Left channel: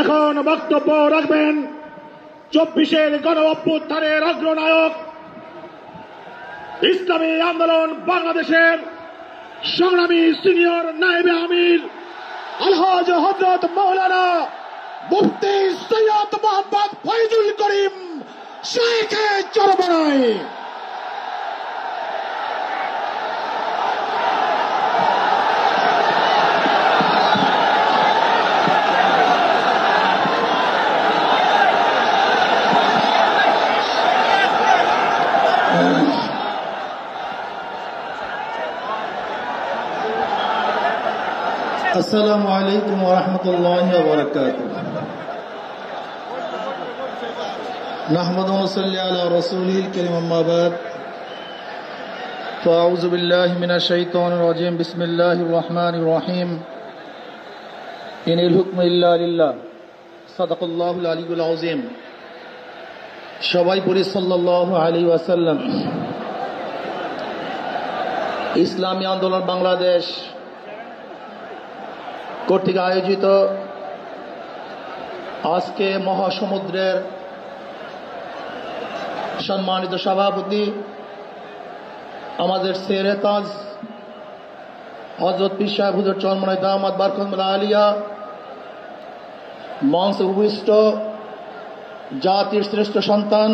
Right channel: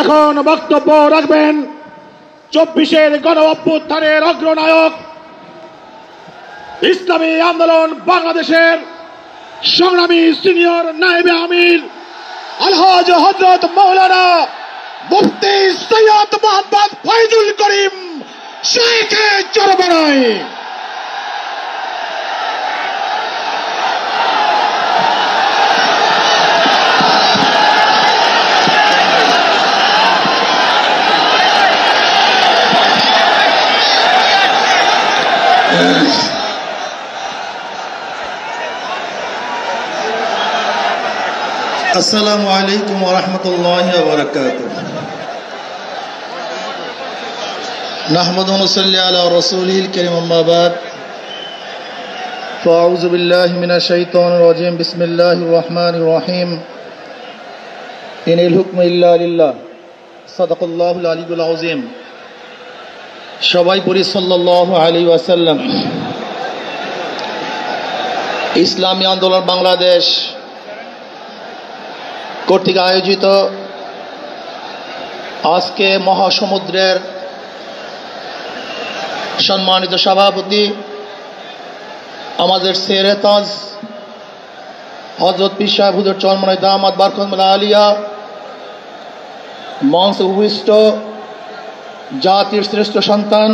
এখন বক্তব্য রাখবেন 24-এর গণ অভ্যুত্থানের অগ্রনায়ক, ইসলামী আন্দোলন বাংলাদেশের সংগ্রামী সিনিয়র নায়েবে আমির আলহাজ হযরত মাওলানা মুফতি সৈয়দ মোহাম্মদ ফয়জুল করিম শাইখে চরমনাই। আসসালামু আলাইকুম ওয়া রাহমাতুল্লাহি ওয়া বারাকাতুহু। নাহমাদুহু ওয়া নুসাল্লি আলা রাসূলিল কারীম, আম্মা বাদ। ফাআউযু বিল্লাহি মিনাশ শাইতানির রাজীম। বিসমিল্লাহির রহমানির রহিম। ইনিল হুকমু ইল্লা লিল্লাহ। সাদাকাল্লাহুল আলিয়্যুল আযীম। সবাই পড়ি সাল্লাল্লাহু আলাইহি ওয়াসাল্লাম। ইসলামী আন্দোলন বাংলাদেশ কর্তৃক আয়োজিত আজকে মহাসমুদ্রের সম্মানিত সভাপতি আমাদের শেরে তাজ হযরত পীর সাহেব হুজুর চরমনাই দামাত বারকাতুহুল আলিয়া, মঞ্চে উপবিষ্ট জাতির শ্রেষ্ঠ সন্তান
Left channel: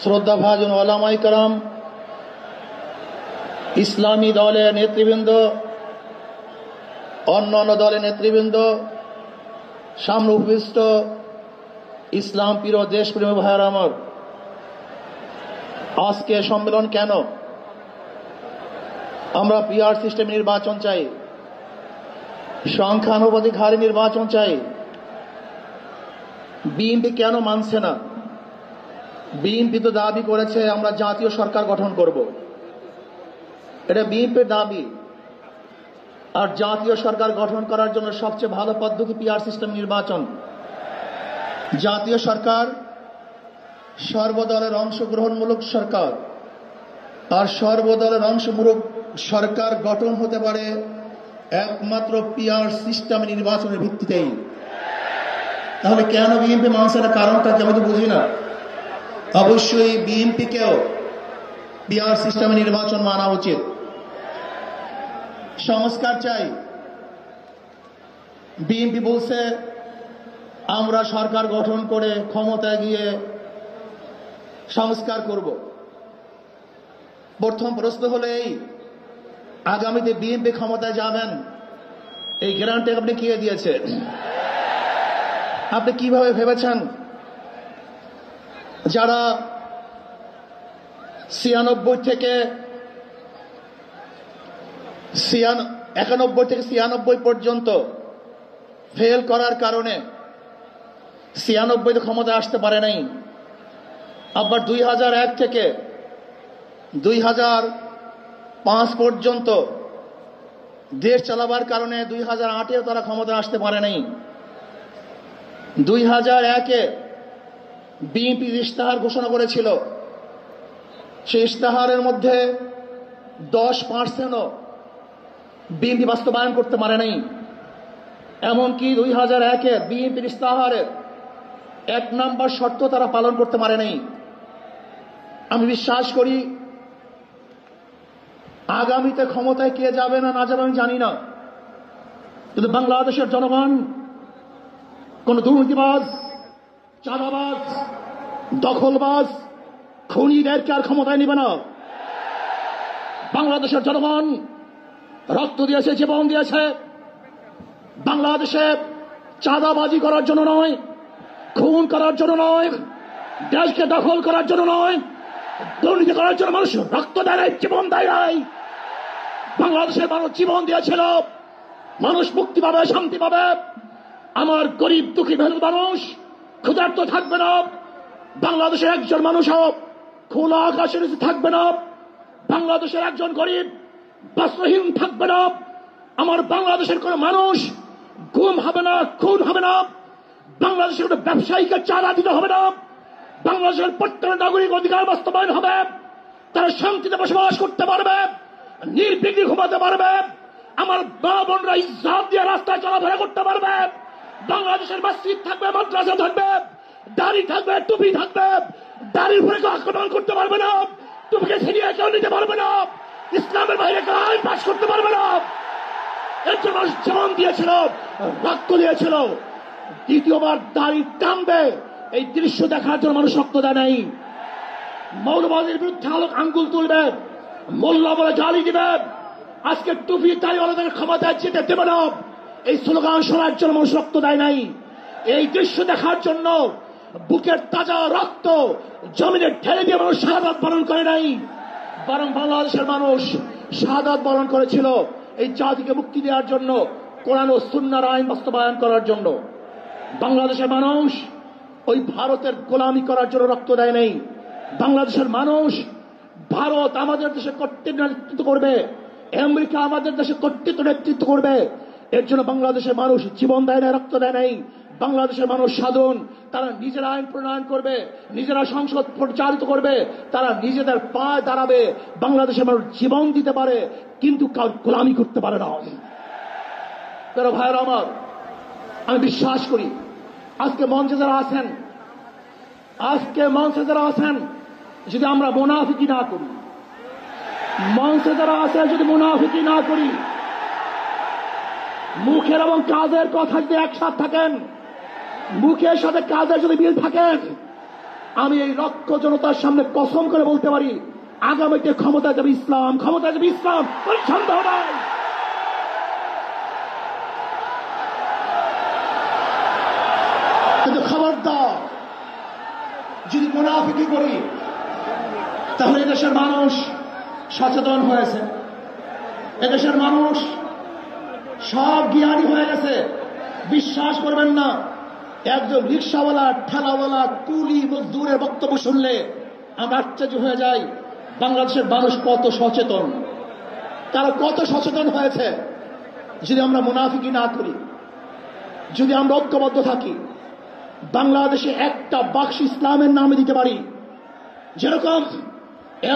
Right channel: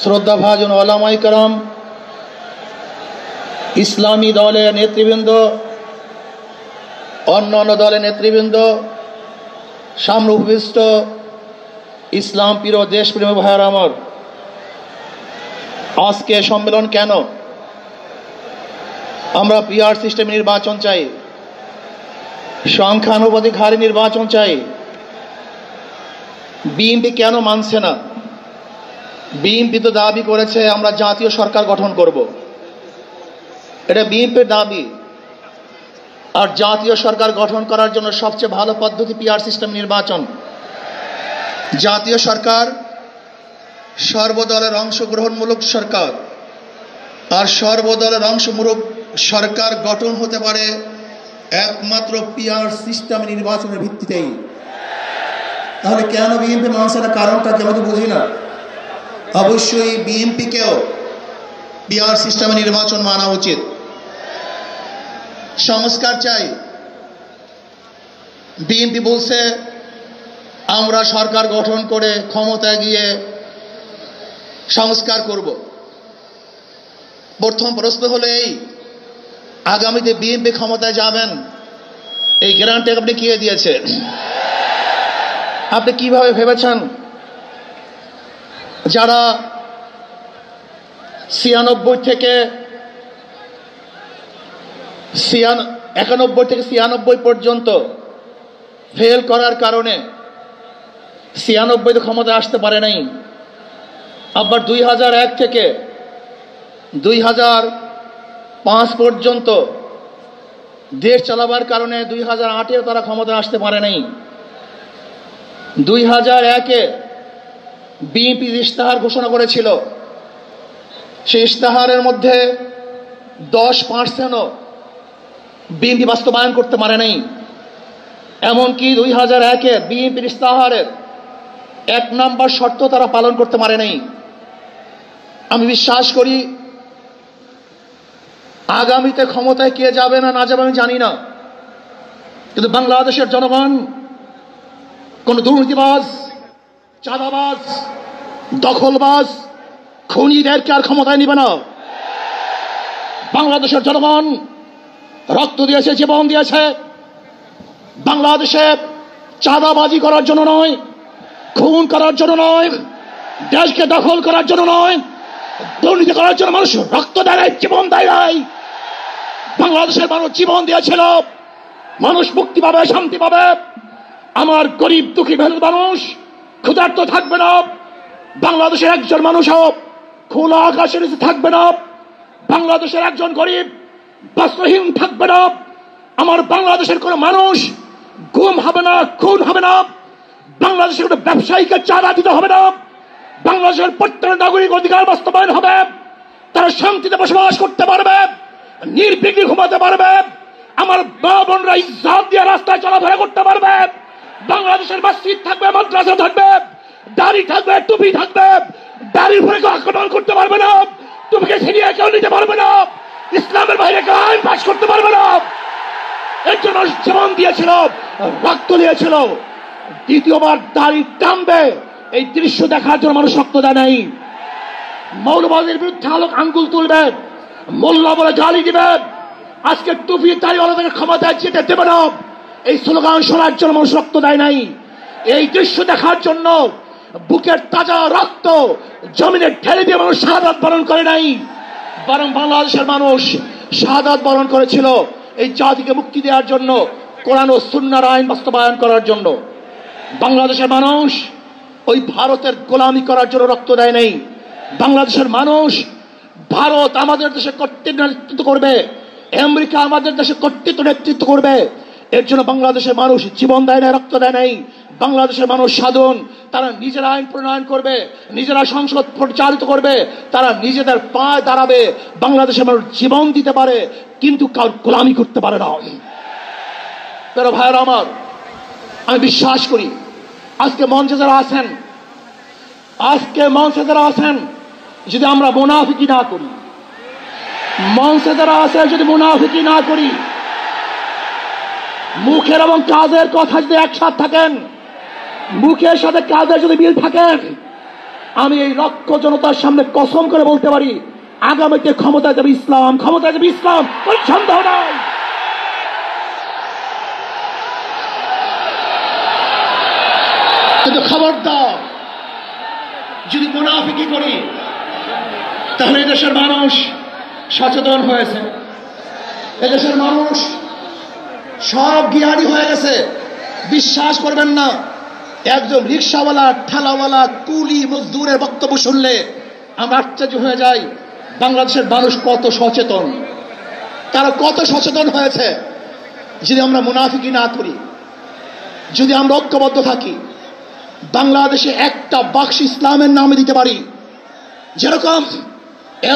শ্রদ্ধাভাজন ওলামায়ে কেরাম, ইসলামী দলের নেতৃবৃন্দ, অন্যান্য দলের নেতৃবৃন্দ, সামনে উপবিষ্ট ইসলাম প্রিয় দেশপ্রেমী ভাইয়েরা আমার, আজকে সম্মেলন কেন? আমরা পিআর সিস্টেম নির্বাচন চাই, সংখ্যানুপাতিক হারে নির্বাচন চাই। বিএনপি কেন মানছে না? বিএনপি তো দাবি করেছে আমরা জাতীয় সরকার গঠন করব, এটা বিএনপির দাবি। আর জাতীয় সরকার গঠন করার জন্য সবচেয়ে ভালো পদ্ধতি পিআর সিস্টেম নির্বাচন। জাতীয় সরকার সর্বদলের অংশগ্রহণমূলক সরকার, আর সর্বদলের অংশমূলক সরকার গঠন হতে পারে একমাত্র পিআর সিস্টেম নির্বাচনের ভিত্তিতেই। তাহলে কেন বিএনপি মানছে না? কারণটা কি আমি তো বুঝি না। অবশ্যই বিএনপিকেও পিআর সিস্টেম নির্বাচন মানা উচিত। সংস্কার চাই। বিএনপি বলছে আমরা সরকার গঠন করে ক্ষমতায় গিয়ে সংস্কার করব। প্রথম প্রশ্ন হলো এই, আগামীতে বিএনপি ক্ষমতায় যাবেন, এই গ্যারান্টি আপনি কে দিয়েছে? আপনি কিভাবে ভেবেছেন যারা 91 থেকে 96 পর্যন্ত ফেল করার কারণে 96 ক্ষমতায় আসতে পারে নাই, আবার 2001 থেকে 2005 পর্যন্ত দেশ চালাবার কারণে 2008-এ তারা ক্ষমতায় আসতে পারে নাই। 2001-এ বিএনপি ইশতেহার ঘোষণা করেছিল, সেই ইশতেহারের মধ্যে 10%ও বিএনপি বাস্তবায়ন করতে পারে নাই। এমনকি 2001-এ বিএনপির ইশতেহারের 1 নম্বর শর্ত তারা পালন করতে পারে নাই। আমি বিশ্বাস করি আগামীতে ক্ষমতায় কে যাবে না যাবে আমি জানি না, কিন্তু বাংলাদেশের জনগণ কোন দুর্নীতিবাজ, চাঁদাবাজ, দখলবাজ, খুনিদেরকে আর ক্ষমতায় নিবে না। বাংলাদেশের জনগণ রক্ত দিয়েছে, জীবন দিয়েছে বাংলাদেশে চাঁদাবাজি করার জন্য নয়, খুন করার জন্য নয়, দেশকে দখল করার জন্য নয়, দুর্নীতি করার জন্য মানুষ রক্ত দেয়, জীবন দেয় নাই। বাংলাদেশের মানুষ জীবন দিয়েছিল, মানুষ মুক্তি পাবে, শান্তি পাবে। আমার গরিব দুঃখী মেহনত মানুষ ক্ষুধার্ত থাকবে না। বাংলাদেশের একজন মানুষও খোলা আকাশের নিচে থাকবে না। বাংলাদেশের একজন গরিব বস্ত্রহীন থাকবে না। আমার বাংলাদেশের কোন মানুষ গুম হবে না, খুন হবে না। বাংলাদেশের কোন ব্যবসায়ীকে চাঁদা দিতে হবে না। বাংলাদেশের প্রত্যেক নাগরিক অধিকার বাস্তবায়ন হবে, তারা শান্তিতে বসবাস করতে পারবে, নির্বিঘ্নে ঘুমাতে পারবে। আমার মা বোনরা ইজ্জত দিয়ে রাস্তায় চলাফেরা করতে পারবে। বাংলাদেশের মসজিদ থাকবে, মাদ্রাসা থাকবে, দাড়ি থাকবে, টুপি থাকবে, দাড়ির উপরে কেউ আক্রমণ করতে পারবে না, টুপিকে ছিনিয়ে কেউ নিতে পারবে না, ইসলামের বাইরে কেউ আইন পাশ করতে পারবে না। এর জন্য জীবন দিয়েছিল, রক্ত দিয়েছিল। দ্বিতীয়বার দাড়ি টানবে এই দৃশ্য দেখার জন্য মানুষ রক্ত দেয় নাই। মৌলবাদীর বিরুদ্ধে আঙ্গুল তুলবে, মোল্লা বলে গালি দিবে, আজকে টুপি দাড়িওয়ালাদের ক্ষমতায় যেতে দেবে না, এই স্লোগান শোনার জন্য মানুষ রক্ত দেয় নাই। এই দৃশ্য দেখার জন্য বুকের তাজা রক্ত জমিনে ঢেলে দিয়ে মানুষ শাহাদাত বরণ করে নাই, বরং বাংলাদেশের মানুষ শাহাদাত বরণ করেছিল এই জাতিকে মুক্তি দেওয়ার জন্য, কোরআন ও সুন্নাহর আইন বাস্তবায়ন করার জন্য। বাংলাদেশের মানুষ ওই ভারতের গোলামি করার জন্য রক্ত দেয় নাই। বাংলাদেশের মানুষ ভারত আমাদের দেশে কর্তৃত্ব নেতৃত্ব করবে, আমেরিকা আমাদের দেশে কর্তৃত্ব নেতৃত্ব করবে, এর জন্য বাংলাদেশের মানুষ জীবন দেয় না, রক্ত দেয় নাই। বাংলাদেশের মানুষ সাধন, তারা নিজেরা আইন প্রণয়ন করবে, নিজেরা সংসদ পরিচালিত করবে, তারা নিজেদের পায়ে দাঁড়াবে। বাংলাদেশের মানুষ জীবন দিতে পারে কিন্তু কার গোলামি করতে পারে না। প্রিয় ভাইয়েরা আমার, আমি বিশ্বাস করি আজকে মঞ্চে যারা আছেন, যদি আমরা মুনাফিকি না করি, মঞ্চে যারা আছে যদি মুনাফিকি না করি, মুখের এবং কাজের কথা যদি একসাথে থাকেন, মুখের সাথে কাজের যদি মিল থাকেন, আমি এই লক্ষ জনতার সামনে কসম করে বলতে পারি আগামীতে ক্ষমতায় যাবে ইসলাম, ক্ষমতায় যাবে ইসলাম, কোনো সন্দেহ নাই। কিন্তু খবরদার যদি মুনাফিকি করি তাহলে এদেশের মানুষ সচেতন হয়েছে, এদেশের মানুষ সব জ্ঞানী হয়ে গেছে। বিশ্বাস করবেন না, একজন রিক্সাওয়ালা, ঠেলাওয়ালা, কুলি মজদুরের বক্তব্য শুনলে আমরা আশ্চর্য হয়ে যাই বাংলাদেশের মানুষ কত সচেতন, তারা কত সচেতন হয়েছে। যদি আমরা মুনাফিকি না করি, যদি আমরা ঐক্যবদ্ধ থাকি, বাংলাদেশে একটা বাক্স ইসলামের নামে দিতে পারি, যেরকম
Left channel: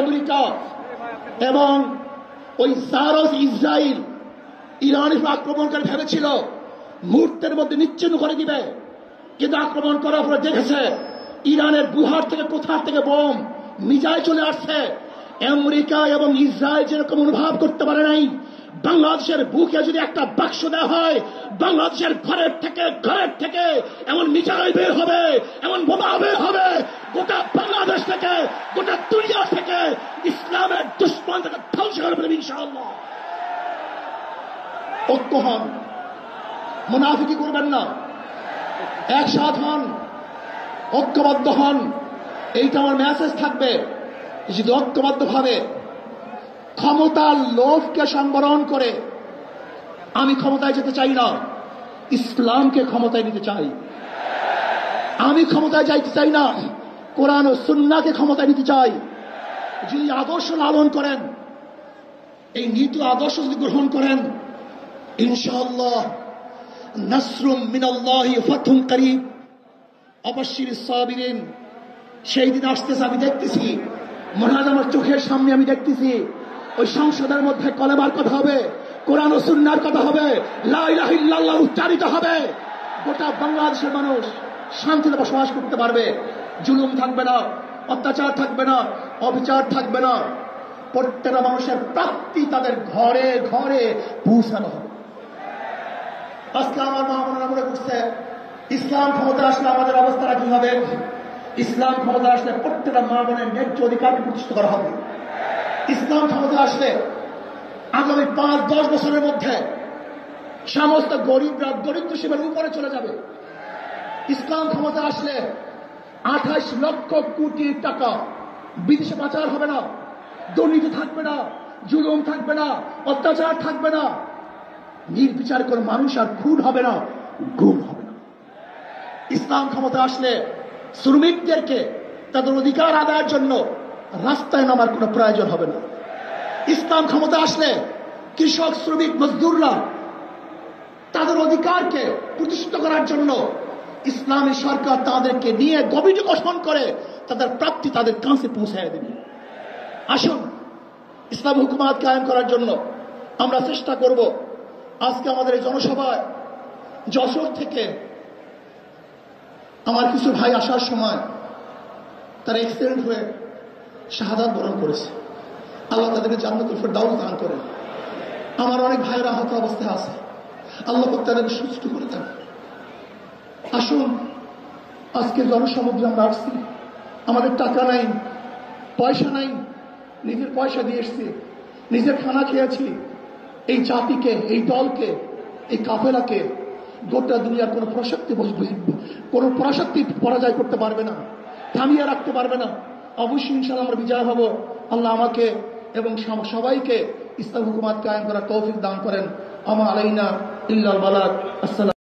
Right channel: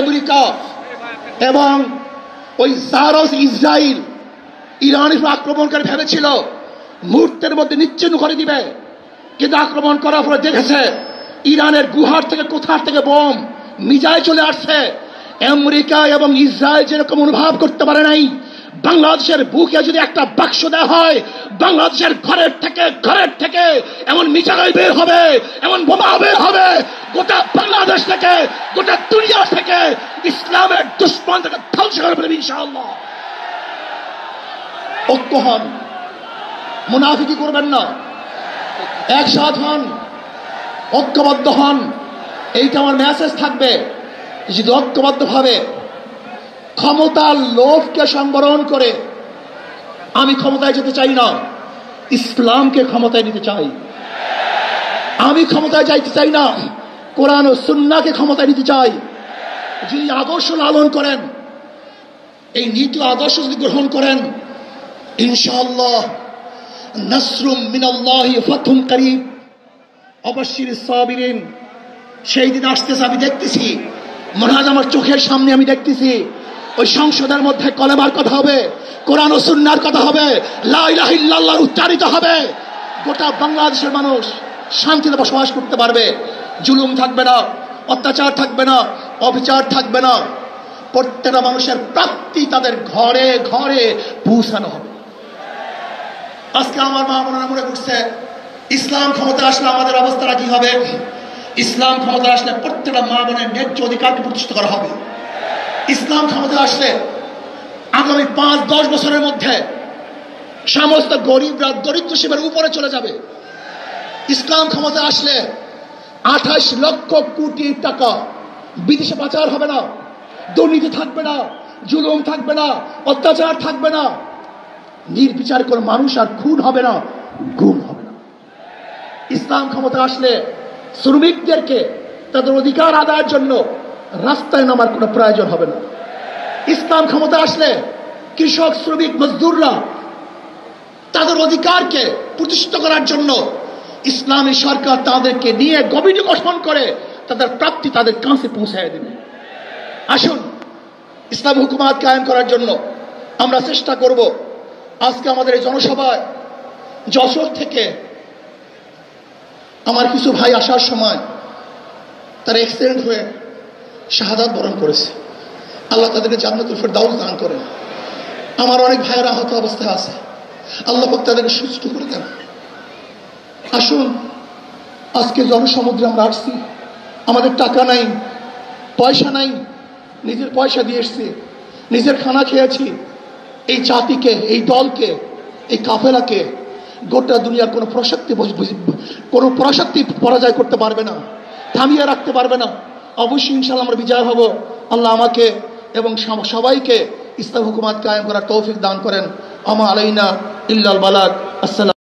আমেরিকা এবং ওই জারস ইসরায়েল ইরানের আক্রমণ করে ভেবেছিল মুহূর্তের মধ্যে নিচ্ছিন্ন করে দিবে, কিন্তু আক্রমণ করার পরে দেখেছে ইরানের গুহার থেকে কোথার থেকে বোম মিজাইল চলে আসছে। আমেরিকা এবং ইসরায়েল যেরকম অনুভব করতে পারে নাই, বাংলাদেশের বুকে যদি একটা বাক্স দেওয়া হয়, বাংলাদেশের ঘরের থেকে এমন মিসাইল বের হবে, এমন বোমা বের হবে, গোটা বাংলাদেশ থেকে, গোটা দুনিয়া থেকে ইসলামের দুশ্মন থেকে ধ্বংস করে ফেলবে ইনশাআল্লাহ। ঐক্য হন, মুনাফিকি করবেন না, একসাথ হন, ঐক্যবদ্ধ হন, এইটা আমার মেসেজ থাকবে। যদি ঐক্যবদ্ধ ভাবে ক্ষমতার লোভকে সংবরণ করে, আমি ক্ষমতায় যেতে চাই না, ইসলামকে ক্ষমতায় নিতে চাই। আমি ক্ষমতায় যাইতে চাই না, কোরআন ও সুন্নাহকে ক্ষমতায় নিতে চাই। যিনি আদর্শ লালন করেন, এই নীতি আদর্শ যদি গ্রহণ করেন, ইনশাআল্লাহ নাসরুম মিনাল্লাহি ফাতহুন করিব, অবশ্যই সাবিরিন। সেই দিন আসতেছে, আমি দেখতেছি, মহারাজ আমার চোখের সামনে আমি দেখতেছি, ওই সংসদের মধ্যে কলেমার কথা হবে, কোরআন ও সুন্নাহর কথা হবে, লা ইলাহা ইল্লাল্লাহ উচ্চারিত হবে। গোটা বাংলাদেশের মানুষ শান্তিতে বসবাস করতে পারবে, জুলুম থাকবে না, অত্যাচার থাকবে না, অবিচার থাকবে না। প্রত্যেকটা মানুষের প্রাপ্তি তাদের ঘরে ঘরে পৌঁছানো হবে। আজকে আমার মা বোনেরা মনে করছে ইসলাম ক্ষমতা আসলে আমাদের অবস্থাটা কি হবে? ইসলাম ক্ষমতা আসলে প্রত্যেকটা মা বোনের ন্যায্য অধিকারকে প্রতিষ্ঠিত করা হবে। ইসলাম ক্ষমতা আসলে আগামী 5-10 বছরের মধ্যে সমস্ত গরিবরা দরিদ্র সীমার উপরে চলে যাবে। ইসলাম ক্ষমতা আসলে 28 লক্ষ কোটি টাকা বিদেশে পাচার হবে না, দুর্নীতি থাকবে না, জুলুম থাকবে না, অত্যাচার থাকবে না, নির্বিচার কোনো মানুষ আর খুন হবে না, গুম হবে। ইসলাম ক্ষমতা আসলে শ্রমিকদেরকে তাদের অধিকার আদায়ের জন্য রাস্তায় নামার কোনো প্রয়োজন হবে না। ইসলাম ক্ষমতা আসলে কৃষক, শ্রমিক, মজদুররা তাদের অধিকারকে প্রতিষ্ঠিত করার জন্য ইসলামী সরকার তাদেরকে নিয়ে কমিটি গঠন করে তাদের প্রাপ্তি তাদের কাছে পৌঁছায় দেবে। আসুন ইসলাম হুকুমাত কায়েম করার জন্য আমরা চেষ্টা করব। আজকে আমাদের এই জনসভায় যশোর থেকে আমার কিছু ভাই আসার সময় তারা অ্যাক্সিডেন্ট হয়ে শাহাদাত বরণ করেছে। আল্লাহ তাদেরকে জান্নাতুল ফেরদাউস দান করেন। আমার অনেক ভাইয়েরা আহত অবস্থায় আছে, আল্লাহ পাক তাদেরকে সুস্থ করে দেন। আসুন, আজকে জনসমুদ্রে আমরা আসছি, আমাদের টাকা নাই, পয়সা নাই, নিজের পয়সা দিয়ে এসছি, নিজের খানা খেয়েছি। এই জাতিকে, এই দলকে, এই কাফেলাকে গোটা দুনিয়ার কোনো পরাশক্তি পরাজয় করতে পারবে না, থামিয়ে রাখতে পারবে না। অবশ্যই ইনশাআল্লাহ আমরা বিজয় হব। আল্লাহ আমাকে এবং সবাইকে ইসলাম হুকুমাত কায়েম করার তৌফিক দান করেন। আমা আলাইনা ইল্লাল বালাগ। আসসালাম।